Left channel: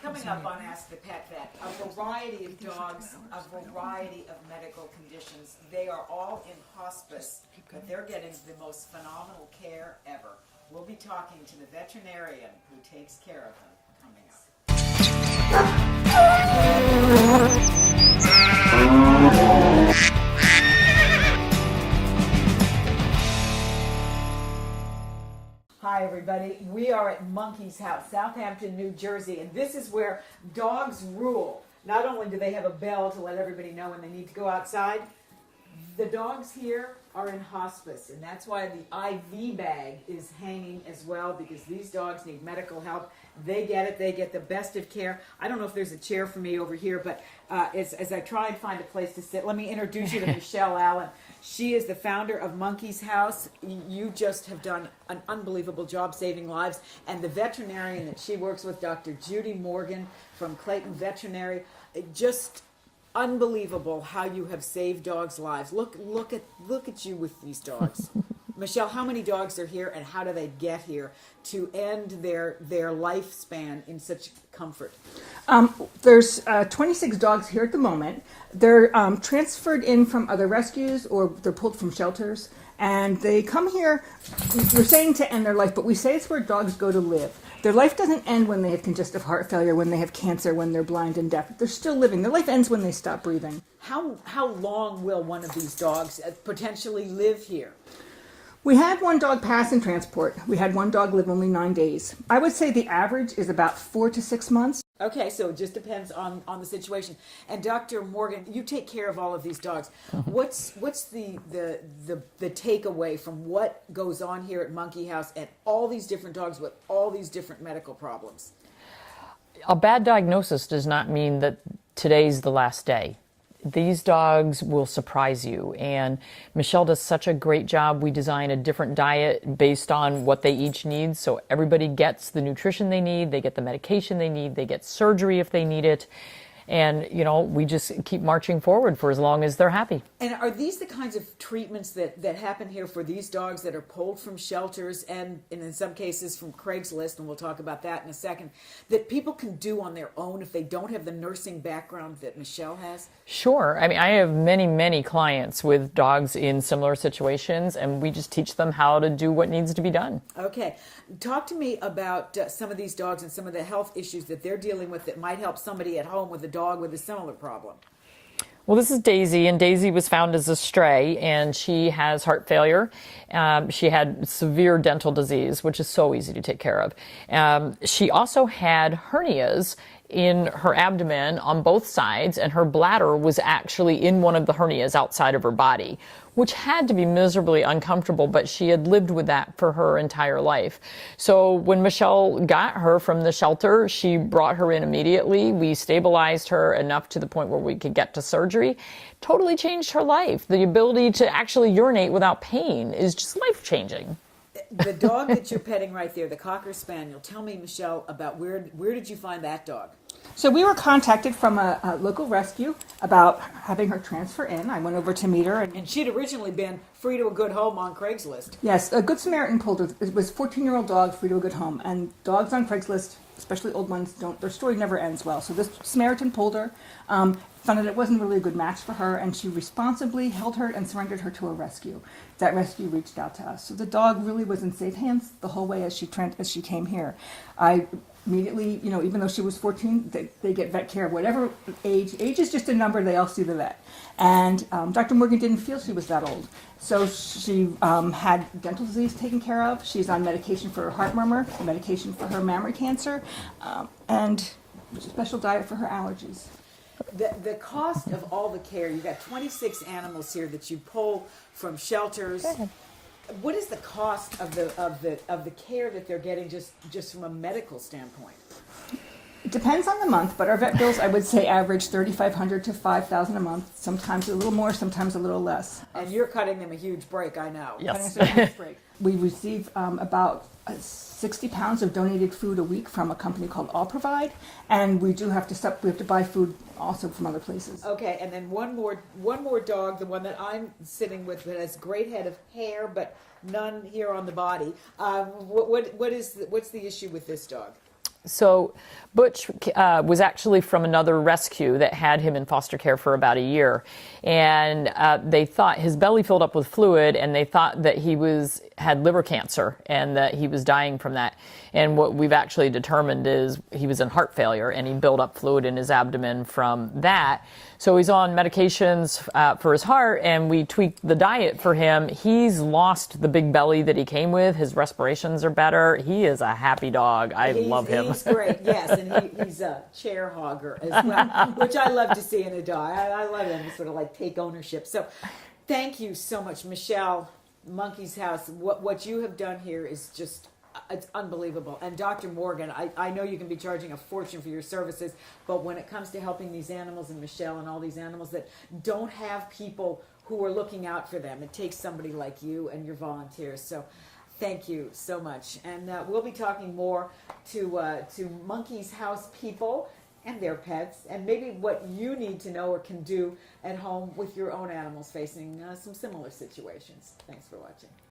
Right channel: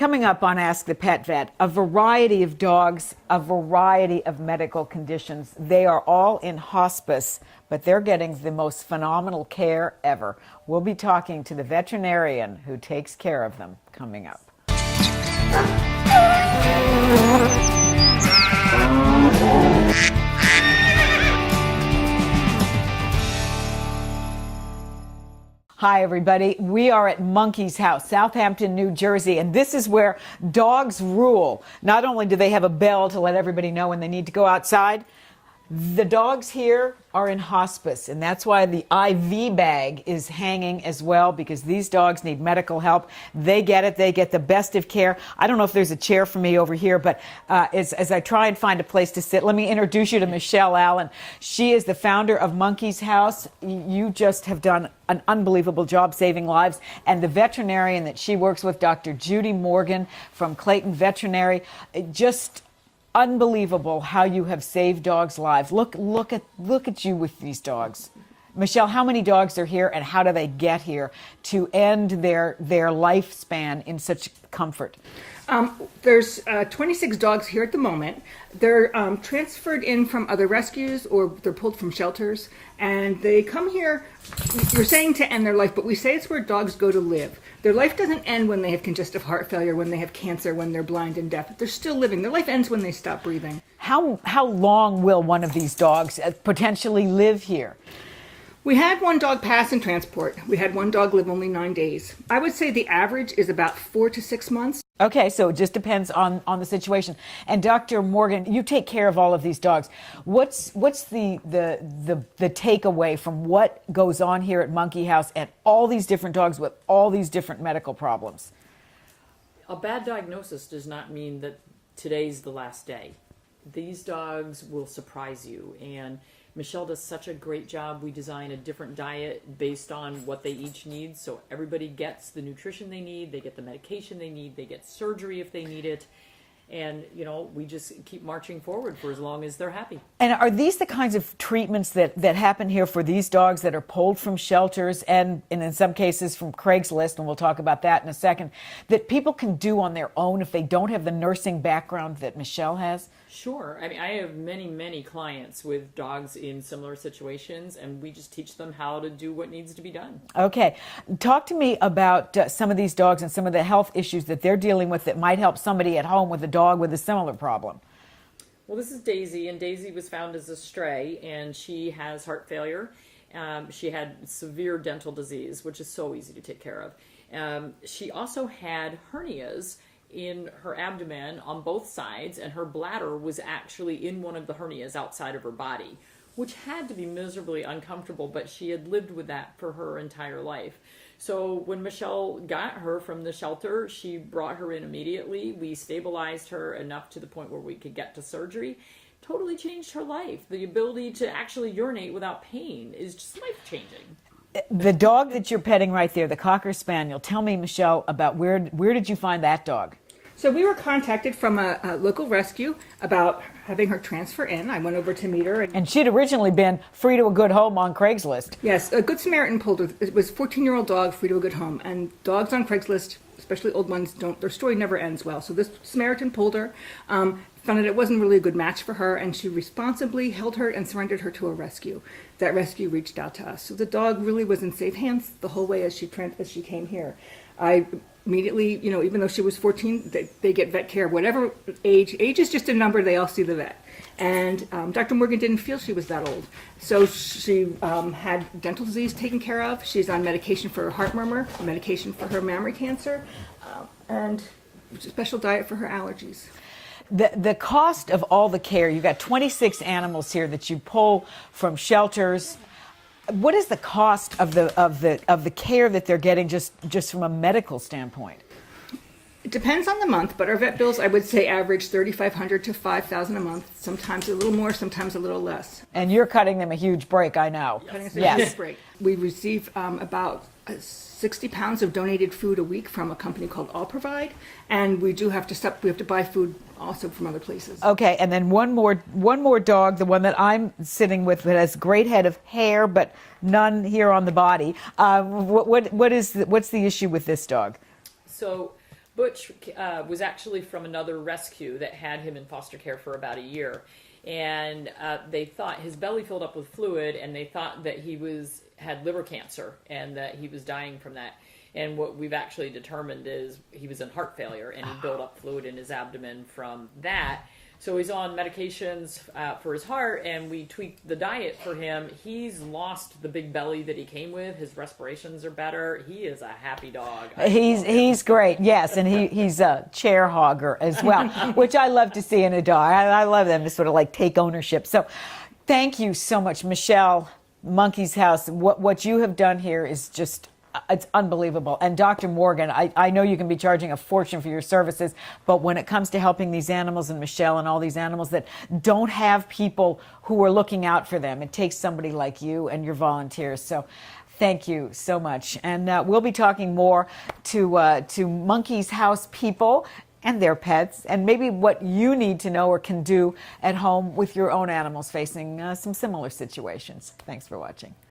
Coming up on Ask the Pet Vet, a variety of dogs, a variety of medical conditions. They are all in hospice, but they're getting the most phenomenal care ever. We'll be talking to the veterinarian who takes care of them coming up. Hi, everybody. We are at Monkey's House, Southampton, New Jersey, and this is where dogs rule. Not only do they have a bell to let everybody know when they need to go outside, the dogs here are in hospice, and that's why the IV bag is hanging as well, because these dogs need medical help. They get it. They get the best of care. I don't know if there's a chair for me over here, but as I try and find a place to sit, let me introduce you to Michelle Allen. She is the founder of Monkey's House. You just have done an unbelievable job saving lives, and the veterinarian that she works with, Dr. Judy Morgan from Clayton Veterinary, just unbelievable how you have saved dogs' lives. Look at you with these dogs. Michelle, how many dogs are here, and how do they get here to end their lifespan in such comfort? There's 26 dogs here at the moment. They're transferred in from other rescues, or they're pulled from shelters, and they come here. You're saying to end their life, but we say it's where dogs go to live. Their life doesn't end when they have congestive heart failure, when they have cancer, when they're blind and deaf. They're still living. Their life ends when they stop breathing. How long will one of these dogs potentially live here? We had one dog pass in transport. We had one dog live only 9 days. I would say the average is about 4 to 6 months. Okay, so it just depends on the situation. And Dr. Morgan, you take care of all of these dogs. What's the takeaway from what goes on here at Monkey House and all these different dogs with all these different medical problems? A bad diagnosis does not mean that today's the last day. These dogs will surprise you, and Michelle does such a great job. We design a different diet based on what they each need, so everybody gets the nutrition they need, they get the medication they need, they get surgery if they need it, and we just keep marching forward for as long as they're happy. And are these the kinds of treatments that happen here for these dogs that are pulled from shelters and in some cases from Craigslist, and we'll talk about that in a second, that people can do on their own if they don't have the nursing background that Michelle has? Sure. I mean, I have many clients with dogs in similar situations, and we just teach them how to do what needs to be done. Okay. Talk to me about some of these dogs and some of the health issues that they're dealing with that might help somebody at home with a dog with a similar problem. Well, this is Daisy, and Daisy was found as a stray, and she has heart failure. She had severe dental disease, which is so easy to take care of. She also had hernias in her abdomen on both sides, and her bladder was actually in one of the hernias outside of her body, which had to be miserably uncomfortable, but she had lived with that for her entire life. So when Michelle got her from the shelter, she brought her in immediately. We stabilized her enough to the point where we could get to surgery. Totally changed her life. The ability to actually urinate without pain is just life-changing. The dog that you're petting right there, the Cocker Spaniel, tell me, Michelle, about where did you find that dog? So we were contacted from a local rescue about having her transfer in. I went over to meet her. And she'd originally been free to a good home on Craigslist. Yes, a Good Samaritan pulled her. It was a 14-year-old dog, free to a good home. And dogs on Craigslist, especially old ones, their story never ends well. So this Samaritan pulled her, found that it wasn't really a good match for her, and she responsibly held her and surrendered her to a rescue. That rescue reached out to us. So the dog really was in safe hands the whole way as she came here. I immediately, even though she was 14, they get vet care, whatever age. Age is just a number. They all see the vet. And Dr. Morgan didn't feel she was that old. So she had dental disease taken care of. She's on medication for her heart murmur, medication for her mammary cancer, and a special diet for her allergies. The cost of all the care, you've got 26 animals here that you pull from shelters. What is the cost of the care that they're getting just from a medical standpoint? It depends on the month, but our vet bills, I would say, average $3,500 to $5,000 a month. Sometimes a little more, sometimes a little less. And you're cutting them a huge break, I know. Yes. Yes. We receive about 60 pounds of donated food a week from a company called All Provide, and we have to buy food also from other places. Okay, and then one more dog, the one that I'm sitting with, that has great head of hair but none here on the body. What's the issue with this dog? So Butch was actually from another rescue that had him in foster care for about a year. And they thought his belly filled up with fluid, and they thought that he had liver cancer and that he was dying from that. And what we've actually determined is he was in heart failure, and he built up fluid in his abdomen from that. So he's on medications for his heart, and we tweaked the diet for him. He's lost the big belly that he came with. His respirations are better. He is a happy dog. I love him. He's great, yes, and he's a chair hogger as well, which I love to see in a dog. I love them to sort of like take ownership. So thank you so much, Michelle, Monkey's House. What you have done here is just, it's unbelievable. And Dr. Morgan, I know you can be charging a fortune for your services, but when it comes to helping these animals, and Michelle and all these animals that don't have people who are looking out for them, it takes somebody like you and your volunteers. So thank you so much. And we'll be talking more to Monkey's House people and their pets, and maybe what you need to know or can do at home with your own animals facing some similar situations. Thanks for watching.